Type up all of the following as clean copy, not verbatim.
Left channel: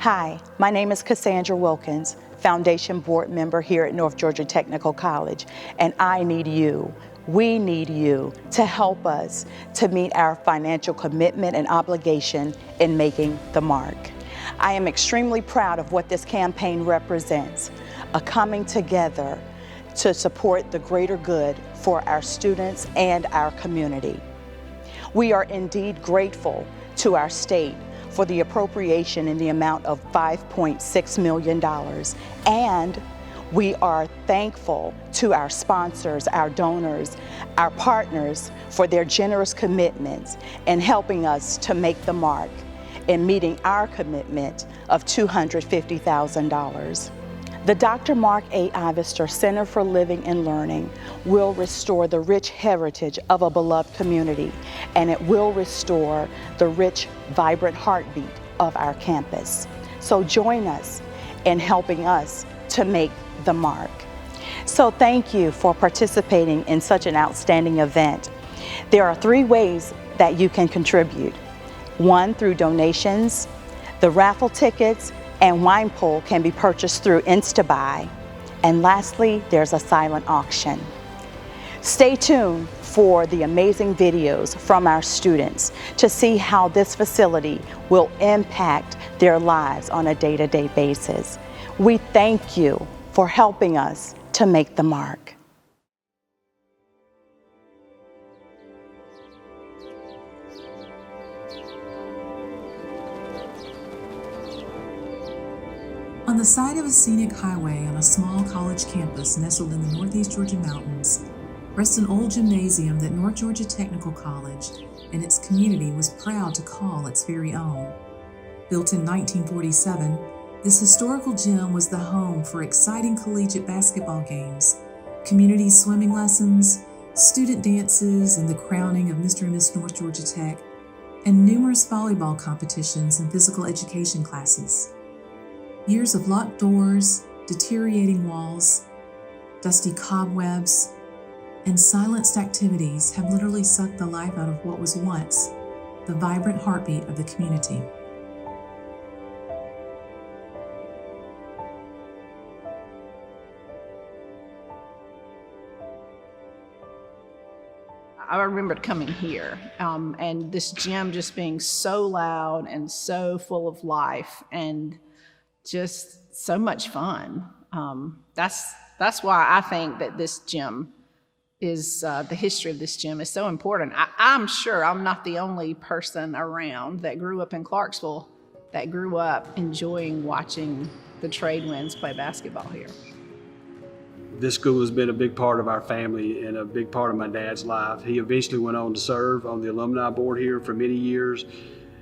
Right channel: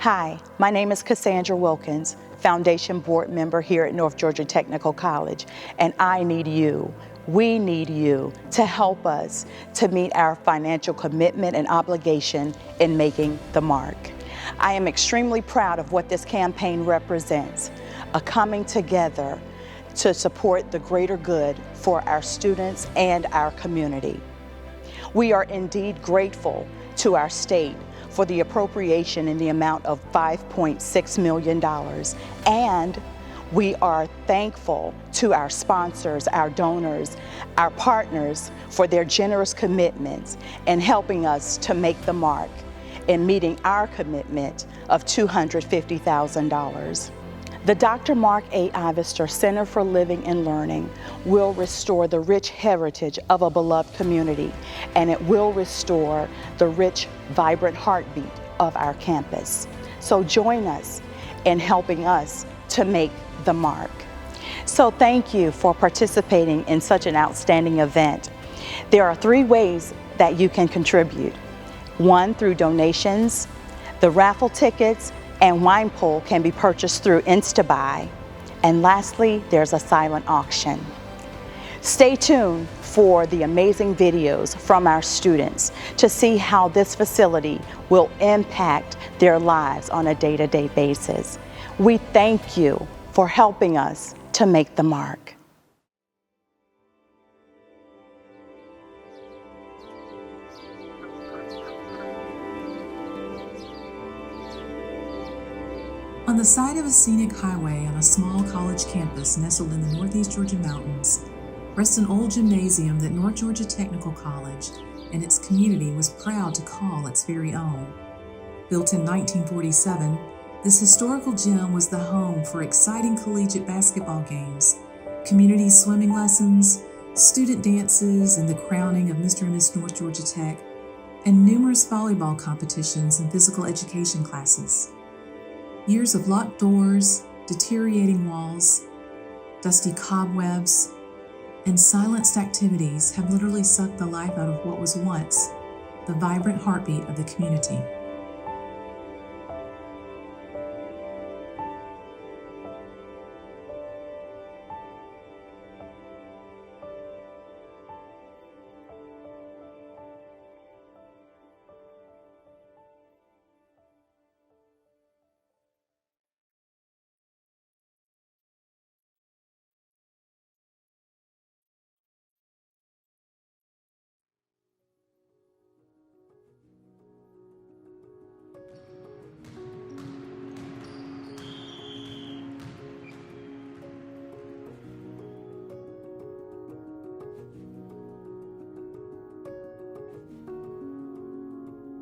Hi, my name is Cassandra Wilkins, Foundation Board member here at North Georgia Technical College, and I need you, we need you to help us to meet our financial commitment and obligation in making the mark. I am extremely proud of what this campaign represents, a coming together to support the greater good for our students and our community. We are indeed grateful to our state for the appropriation in the amount of $5.6 million. And we are thankful to our sponsors, our donors, our partners for their generous commitments in helping us to make the mark in meeting our commitment of $250,000. The Dr. Mark A. Ivester Center for Living and Learning will restore the rich heritage of a beloved community, and it will restore the rich, vibrant heartbeat of our campus. So join us in helping us to make the mark. So thank you for participating in such an outstanding event. There are 3 ways that you can contribute. 1, through donations. The raffle tickets and wine pool can be purchased through InstaBuy. And lastly, there's a silent auction. Stay tuned for the amazing videos from our students to see how this facility will impact their lives on a day-to-day basis. We thank you for helping us to make the mark. On the side of a scenic highway on a small college campus nestled in the Northeast Georgia mountains rests an old gymnasium that North Georgia Technical College and its community was proud to call its very own. Built in 1947, this historical gym was the home for exciting collegiate basketball games, community swimming lessons, student dances, and the crowning of Mr. and Miss North Georgia Tech, and numerous volleyball competitions and physical education classes. Years of locked doors, deteriorating walls, dusty cobwebs, and silenced activities have literally sucked the life out of what was once the vibrant heartbeat of the community. I remember coming here and this gym just being so loud and so full of life and just so much fun. That's why I think that this gym is, the history of this gym is so important. I'm sure I'm not the only person around that grew up in Clarksville that grew up enjoying watching the Trade Winds play basketball here. This school has been a big part of our family and a big part of my dad's life. He eventually went on to serve on the alumni board here for many years.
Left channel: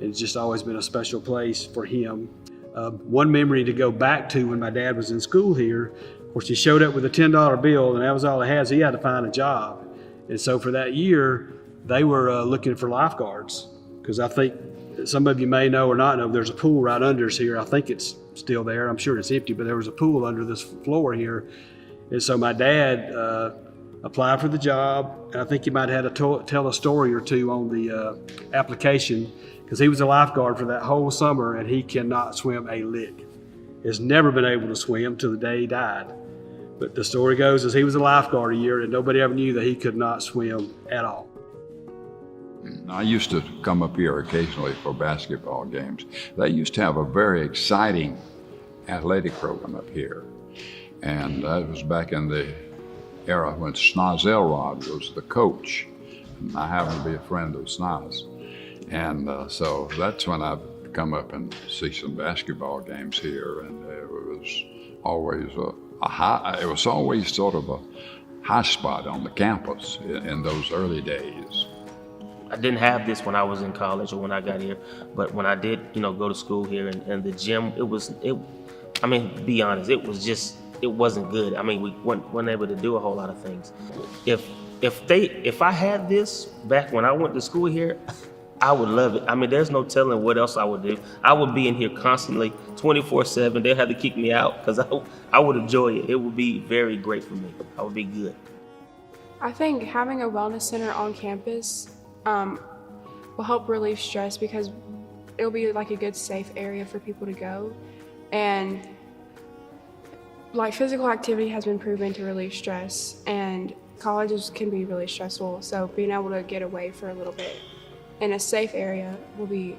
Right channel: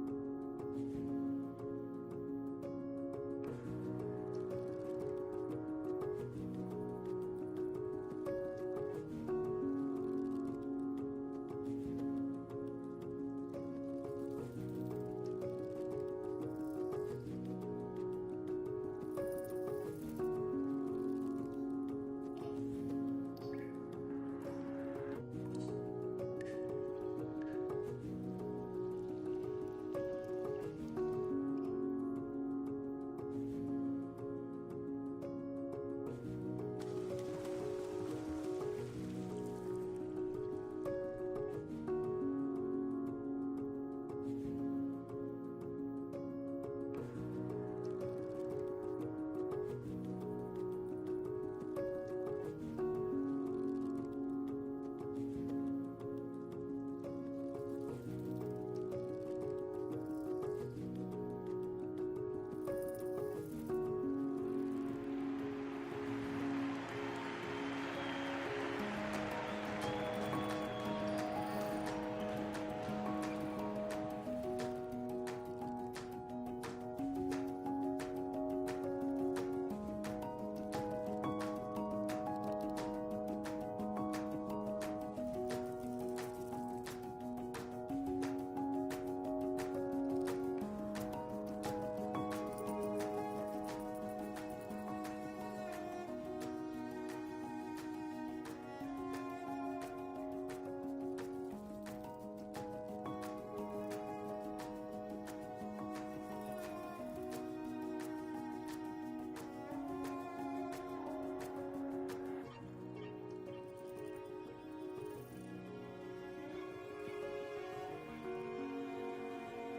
It's just always been a special place for him. One memory to go back to when my dad was in school here, of course he showed up with a $10 bill and that was all he had, so he had to find a job. And so for that year, they were looking for lifeguards, because I think some of you may know or not know, there's a pool right under us here. I think it's still there, I'm sure it's empty, but there was a pool under this floor here. And so my dad applied for the job, and I think he might have had to tell a story or two on the application, because he was a lifeguard for that whole summer and he cannot swim a lick. Has never been able to swim till the day he died. But the story goes is he was a lifeguard a year and nobody ever knew that he could not swim at all. I used to come up here occasionally for basketball games. They used to have a very exciting athletic program up here. And that was back in the era when Snoz Elrod was the coach. And I happen to be a friend of Snoz. And so that's when I've come up and see some basketball games here. And it was always it was always sort of a high spot on the campus in those early days. I didn't have this when I was in college or when I got here, but when I did, go to school here and the gym, I mean, to be honest, it wasn't good. I mean, we weren't able to do a whole lot of things. If I had this back when I went to school here, I would love it. I mean, there's no telling what else I would do. I would be in here constantly, 24/7. They'd have to kick me out because I would enjoy it. It would be very great for me. I would be good. I think having a wellness center on campus will help relieve stress, because it'll be like a good safe area for people to go. And like physical activity has been proven to relieve stress, and colleges can be really stressful. So being able to get away for a little bit in a safe area will be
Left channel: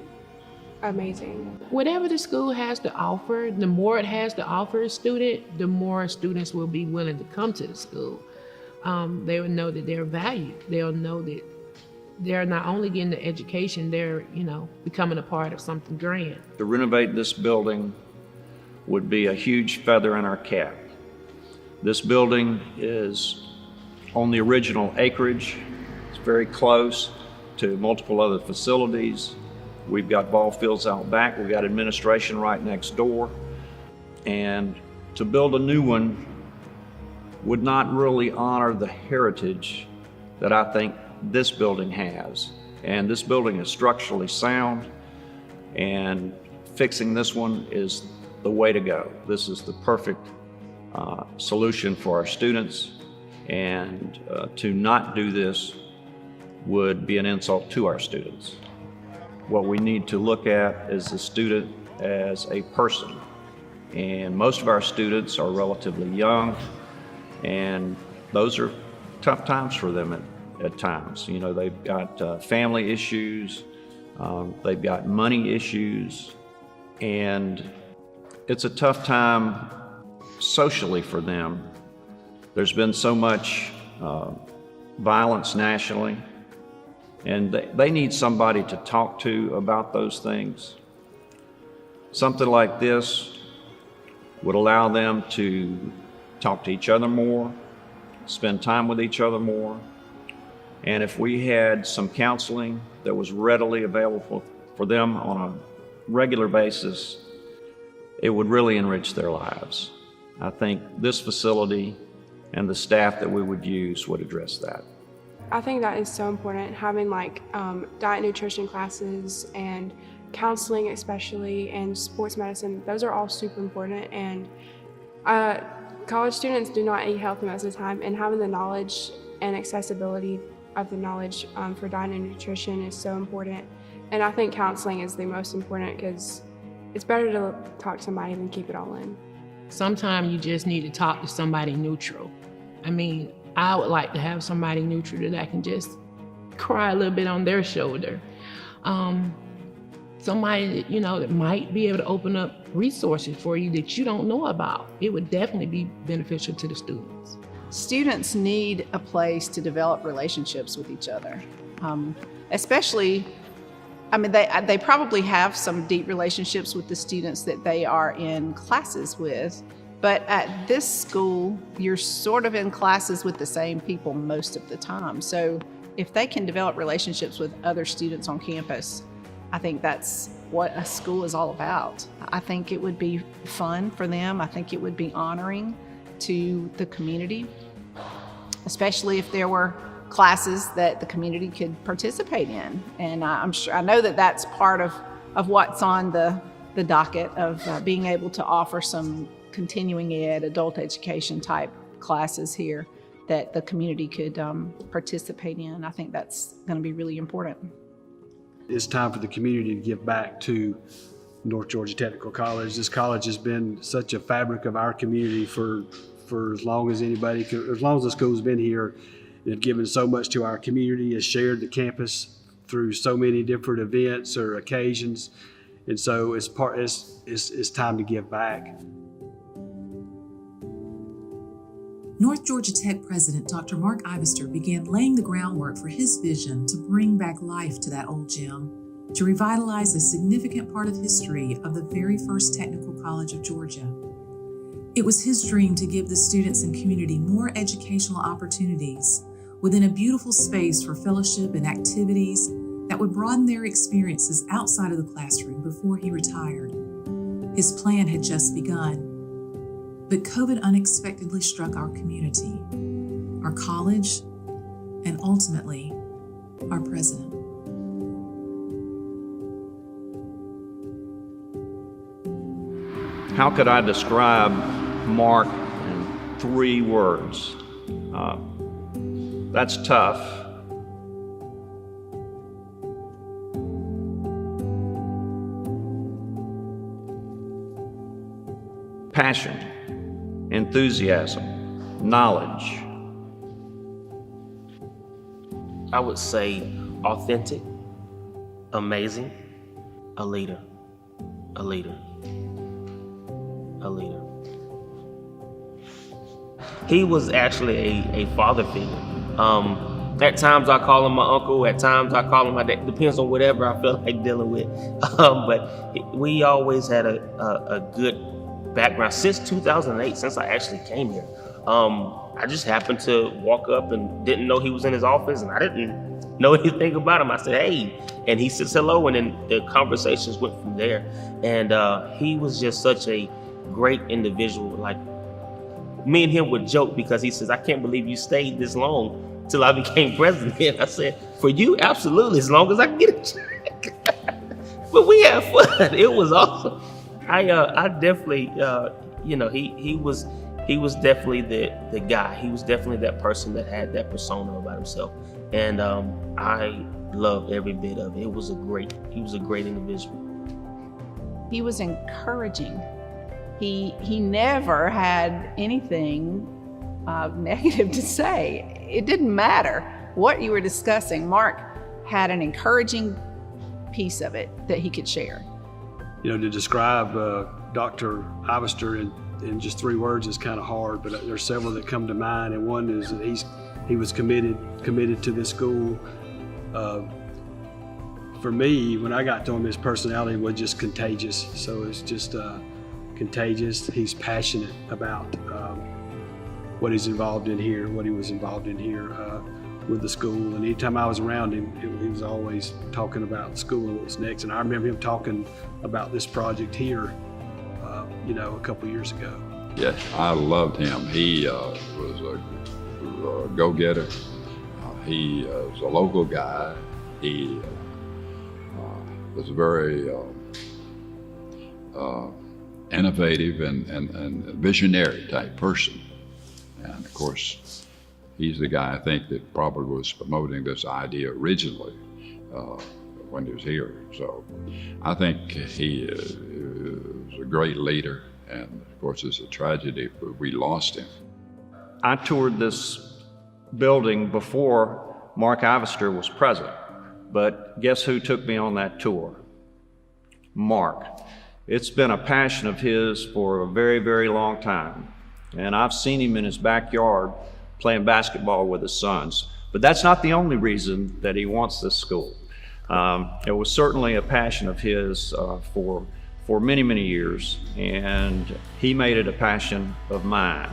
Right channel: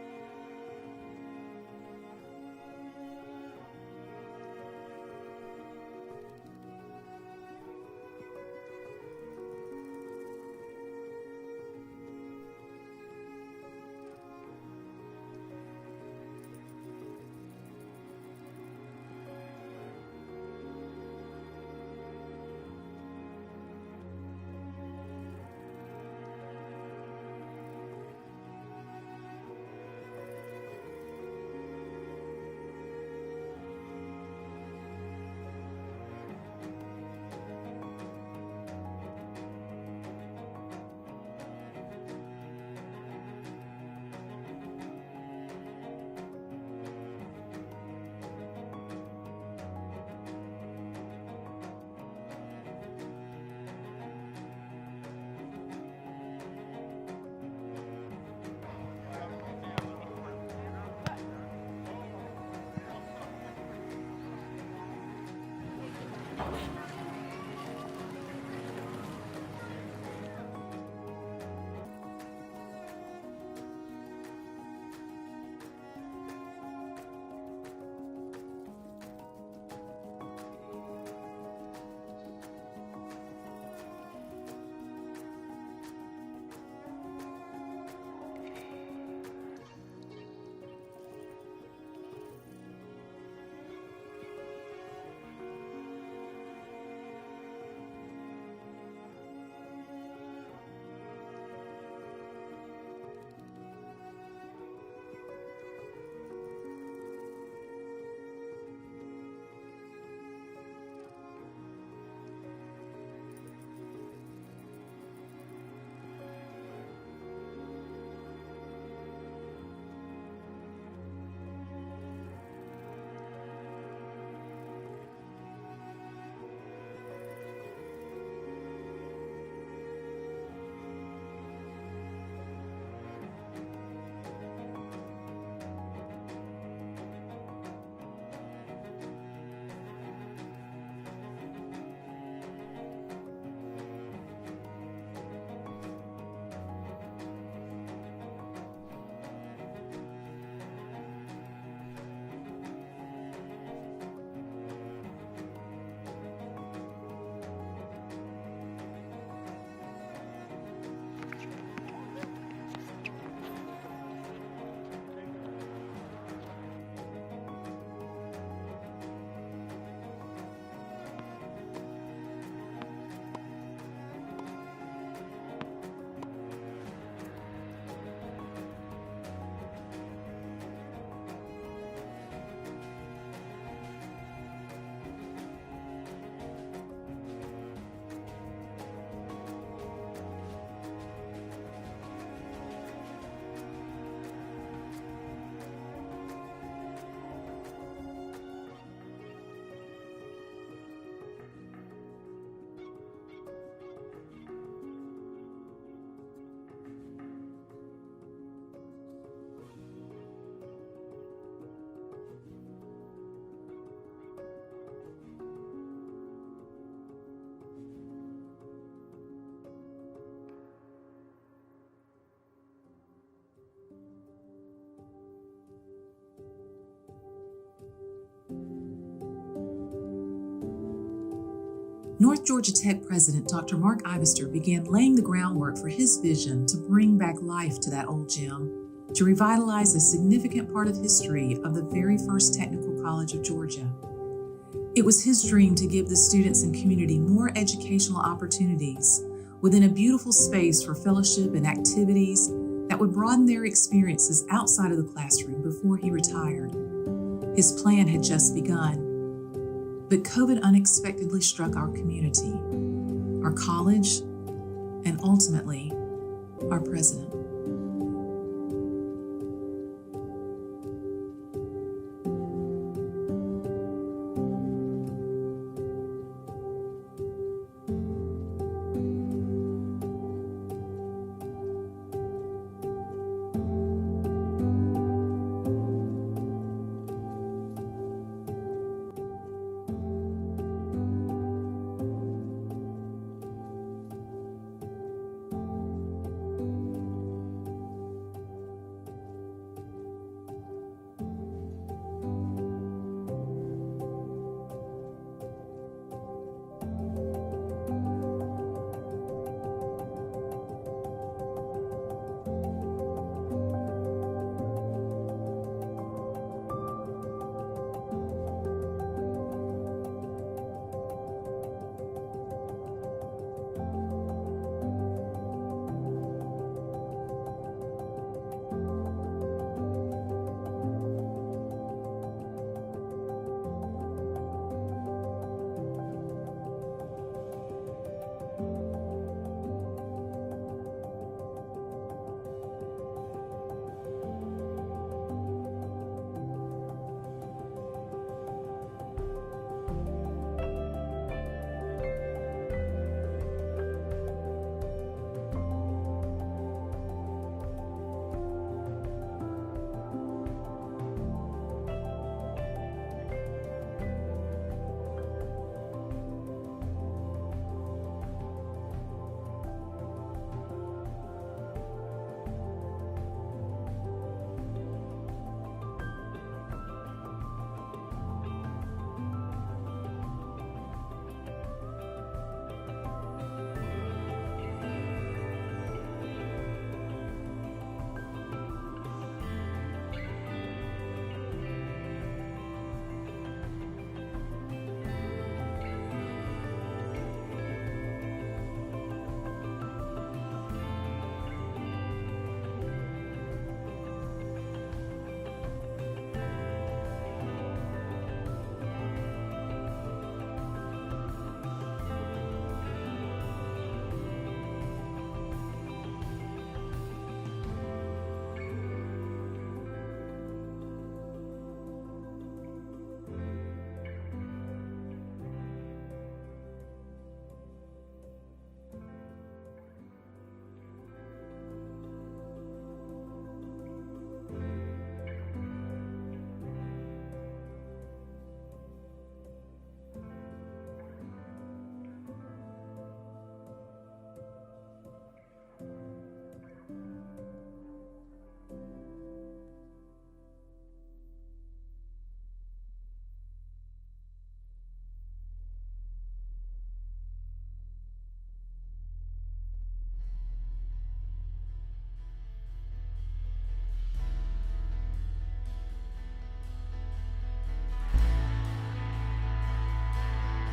amazing. Whatever the school has to offer, the more it has to offer a student, the more students will be willing to come to the school. They will know that they're valued. They'll know that they're not only getting the education, they're, becoming a part of something grand. To renovate this building would be a huge feather in our cap. This building is on the original acreage. It's very close to multiple other facilities. We've got ball fields out back. We've got administration right next door. And to build a new one would not really honor the heritage that I think this building has. And this building is structurally sound, and fixing this one is the way to go. This is the perfect solution for our students, and to not do this would be an insult to our students. What we need to look at is the student as a person. And most of our students are relatively young, and those are tough times for them at times. They've got family issues, they've got money issues, and it's a tough time socially for them. There's been so much violence nationally, and they need somebody to talk to about those things. Something like this would allow them to talk to each other more, spend time with each other more. And if we had some counseling that was readily available for them on a regular basis, it would really enrich their lives. I think this facility and the staff that we would use would address that. I think that is so important, having like diet nutrition classes and counseling especially, and sports medicine. Those are all super important, and college students do not eat healthy most of the time, and having the knowledge and accessibility of the knowledge for diet and nutrition is so important. And I think counseling is the most important, because it's better to talk to somebody than keep it all in. Sometimes you just need to talk to somebody neutral. I would like to have somebody neutral that I can just cry a little bit on their shoulder. Somebody that might be able to open up resources for you that you don't know about. It would definitely be beneficial to the students. Students need a place to develop relationships with each other, especially. They probably have some deep relationships with the students that they are in classes with, but at this school, you're sort of in classes with the same people most of the time. So if they can develop relationships with other students on campus, I think that's what a school is all about. I think it would be fun for them. I think it would be honoring to the community, especially if there were classes that the community could participate in. And I know that that's part of what's on the docket of being able to offer some continuing ed, adult education type classes here that the community could participate in. I think that's going to be really important. It's time for the community to give back to North Georgia Technical College. This college has been such a fabric of our community for as long as as long as the school's been here. It's given so much to our community, has shared the campus through so many different events or occasions. And so it's time to give back. North Georgia Tech President Dr. Mark Ivester began laying the groundwork for his vision to bring back life to that old gym, to revitalize a significant part of history of the very first technical college of Georgia. It was his dream to give the students and community more educational opportunities within a beautiful space for fellowship and activities that would broaden their experiences outside of the classroom before he retired. His plan had just begun, but COVID unexpectedly struck our community, our college, and ultimately, our president. How could I describe Mark in 3 words? That's tough. passion, enthusiasm, knowledge. I would say authentic, amazing, a leader, a leader, a leader. He was actually a father figure. At times I call him my uncle, at times I call him my dad, depends on whatever I feel like dealing with. But we always had a good background since 2008, since I actually came here. I just happened to walk up and didn't know he was in his office, and I didn't know anything about him. I said, hey, and he says hello, and then the conversations went from there. And he was just such a great individual. Like, me and him would joke because he says, I can't believe you stayed this long till I became president. I said, for you, absolutely, as long as I can get a check. But we had fun. It was awesome. I definitely, he was definitely the guy. He was definitely that person that had that persona about himself. And I loved every bit of it. He was a great individual. He was encouraging. He never had anything negative to say. It didn't matter what you were discussing. Mark had an encouraging piece of it that he could share. You know, to describe Dr. Ivester in just 3 words is kind of hard, but there's several that come to mind, and one is that he was committed to this school. For me, when I got to him, his personality was just contagious. So it's just contagious. He's passionate about what he's involved in here, what he was involved in here with the school. And anytime I was around him, he was always talking about the school and what's next. And I remember him talking about this project here, a couple years ago. Yes, I loved him. He was a go-getter. He was a local guy. He was very innovative and visionary type person. And of course, he's the guy I think that probably was promoting this idea originally when he was here. So I think he is a great leader, and of course it's a tragedy, but we lost him. I toured this building before Mark Ivester was president, but guess who took me on that tour? Mark. It's been a passion of his for a very, very long time. And I've seen him in his backyard playing basketball with his sons. But that's not the only reason that he wants this school. It was certainly a passion of his for many, many years, and he made it a passion of mine.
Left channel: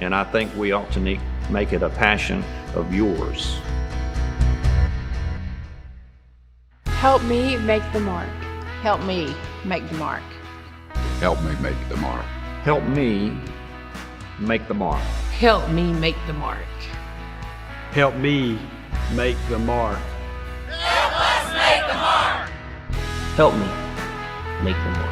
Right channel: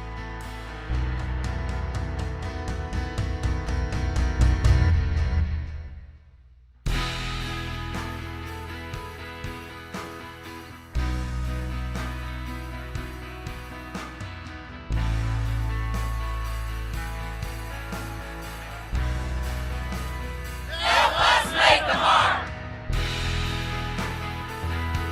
And I think we ought to make it a passion of yours. Help me make the mark. Help me make the mark. Help me make the mark. Help me make the mark. Help me make the mark. Help me make the mark. Help us make the mark. Help me make the mark.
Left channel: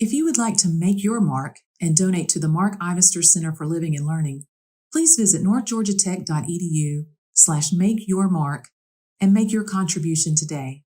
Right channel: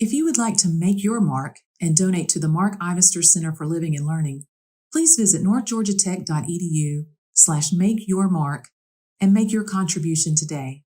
If you would like to make your mark and donate to the Mark Ivester Center for Living and Learning, please visit northgeorgiatech.edu/makeyourmark and make your contribution today.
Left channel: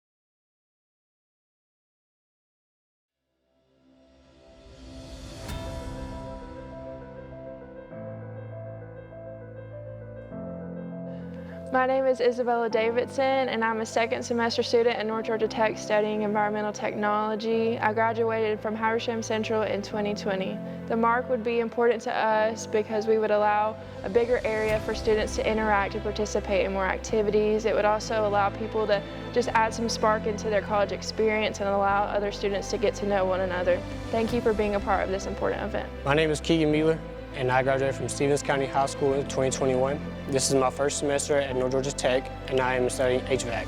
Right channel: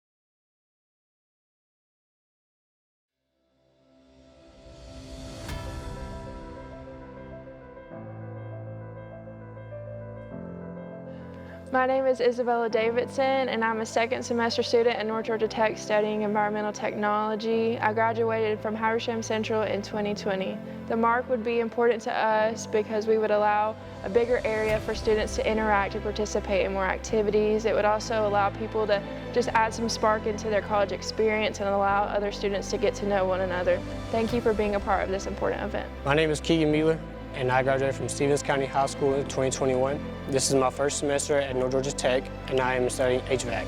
My name is Isabella Davidson, and I'm a second semester student at North Georgia Tech studying environmental technology. I graduated from Habersham Central in 2020. The mark would be important to us because we would allow a bigger area for students to interact and participate in more activities. It would also allow people to just add some spark into their college experience and allow other students to get to know one another. Thank you for being a part of this important event. My name is Keegan Mueller, and I graduated from Stevens County High School in 2021. This is my first semester at North Georgia Tech, and I am studying HVAC.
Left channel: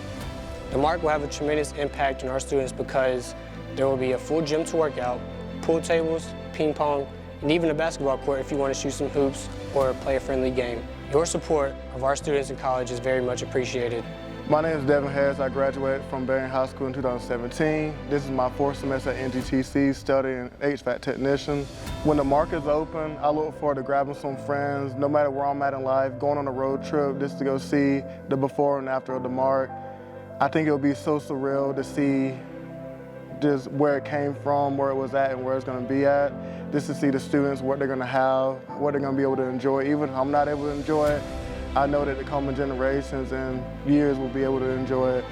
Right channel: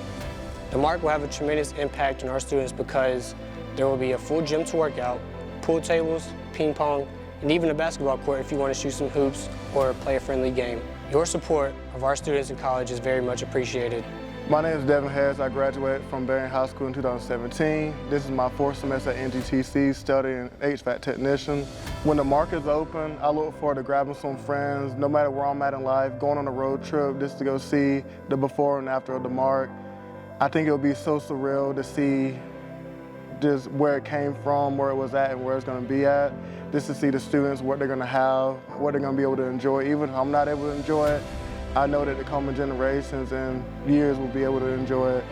The mark will have a tremendous impact on our students because there will be a full gym to work out, pool tables, ping pong, and even a basketball court if you want to shoot some hoops or play a friendly game. Your support of our students in college is very much appreciated. My name is Devin Harris. I graduated from Berrien High School in 2017. This is my 4th semester at NGTC studying HVAC technician. When the market is open, I look forward to grabbing some friends, no matter where I'm at in life, going on a road trip just to go see the before and after of the Mark. I think it'll be so surreal to see just where it came from, where it was at, and where it's going to be at. Just to see the students, what they're going to have, what they're going to be able to enjoy. Even if I'm not able to enjoy it, I know that the coming generations and years will be able to enjoy it.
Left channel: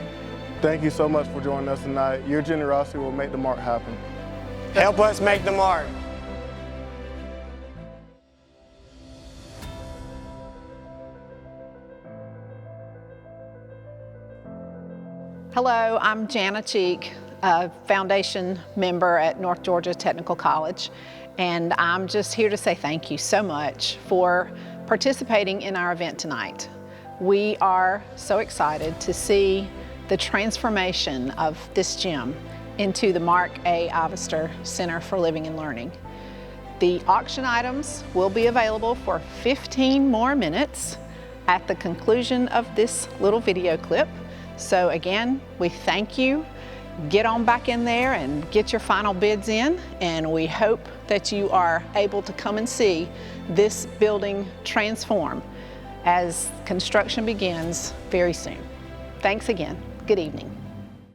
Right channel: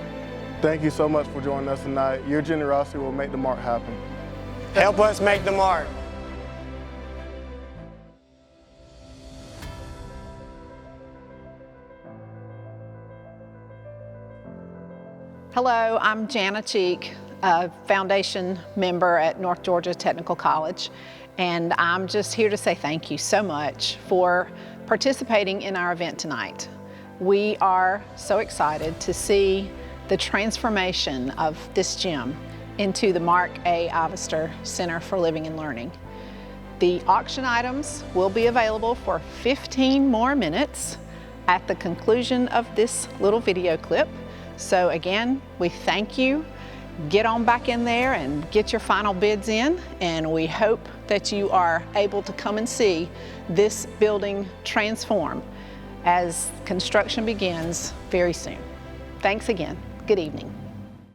Thank you so much for joining us tonight. Your generosity will make the Mark happen. Help us make the Mark. Hello, I'm Jana Cheek, a foundation member at North Georgia Technical College, and I'm just here to say thank you so much for participating in our event tonight. We are so excited to see the transformation of this gym into the Mark A. Ivester Center for Living and Learning. The auction items will be available for 15 more minutes at the conclusion of this little video clip. So again, we thank you. Get on back in there and get your final bids in, and we hope that you are able to come and see this building transform as construction begins very soon. Thanks again. Good evening.